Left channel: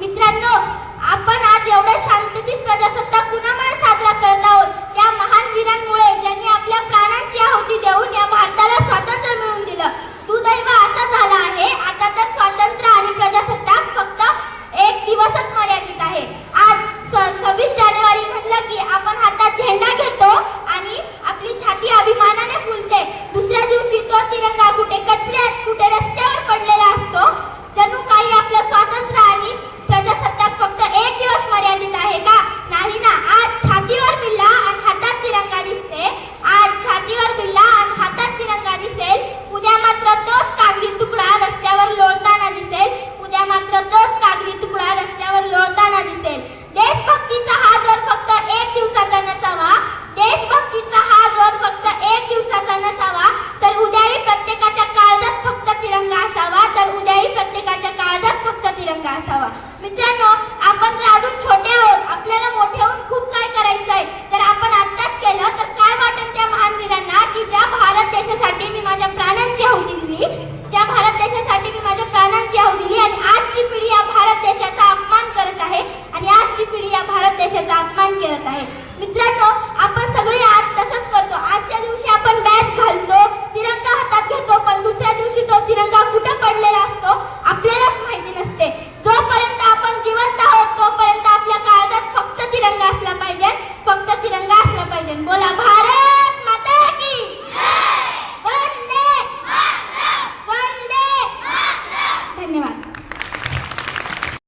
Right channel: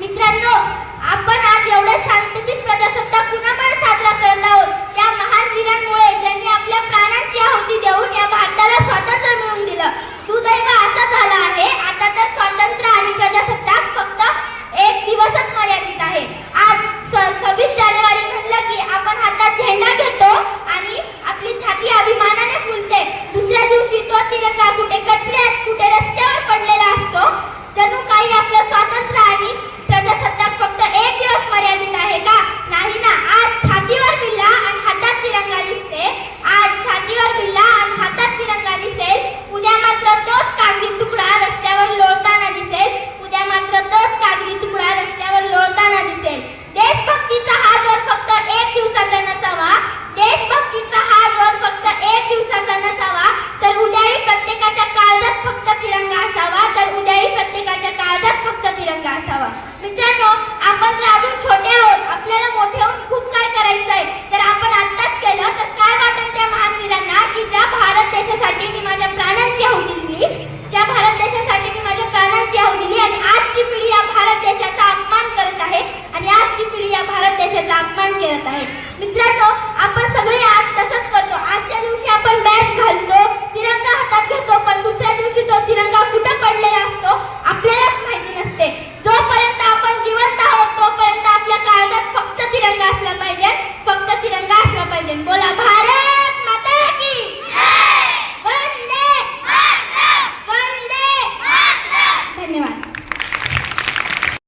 मित्रांनो, आपण आज एवढ्या शांततेत प्रजासत्ताक कुणामुळे साजरा करत आहोत? त्या महान वीरांमुळे, ज्यांनी आपल्या प्राणांची आहुती देऊन या भारताला स्वातंत्र्य मिळवून दिलं. दुर्दैव असं झालं आहे, आता तर स्वातंत्र्य आणि प्रजासत्ताक फक्त एक दिवसच मर्यादित आहे. आज 26 जानेवारी म्हणलं की आपण हातात झेंडा घेतो आणि आपली छाती अभिमानाने फुलते. दुसऱ्या दिवशी तो तिरंगा कुठे कचऱ्यात, कुठे रस्त्यावर पडलेला असतो. जणू काही आपलं स्वातंत्र्य आणि प्रजासत्ताक फक्त एक दिवस मर्यादित आहे का? नाही ना. आज छातीवर बिल्ला आणि हातात तिरंगा दिसते. आज छातीवर बिल्ला आणि हातात तिरंगा दिसेल. उद्या मात्र तोच कागदी तुकडा रस्त्यावर लोळताना दिसेल. उद्या मात्र तोच कागदी तुकडा रस्त्यावर लोळताना दिसेल. देशभक्तीचा हा जोर फक्त एक दिवसाचा नसावा. देशभक्तीचा हा जोर फक्त एक दिवसाचा नसावा, तर उद्याही प्रत्येकाच्या काळजात फक्त तिरंगा असावा. तर उद्याही प्रत्येकाच्या काळजात फक्त तिरंगा असावा. मित्रांनो, आपण तर अजून छोटे आहोत. आपल्याला मोठे होऊन खूप काय करायचं आहे. तर आपण आत्ताच केलं तर काय वाटेल त्या महान वीरांना की ज्या भारत देशासाठी मी माझ्या प्राणांची आहुती दिली, ज्या भारत देशासाठी मी माझ्या प्राणांची आहुती दिली, आणि आजची पिढी या भारत देशाचा अपमान करत आहे आणि आजची पिढी या भारत देशाचा अपमान करत आहे. मित्रांनो,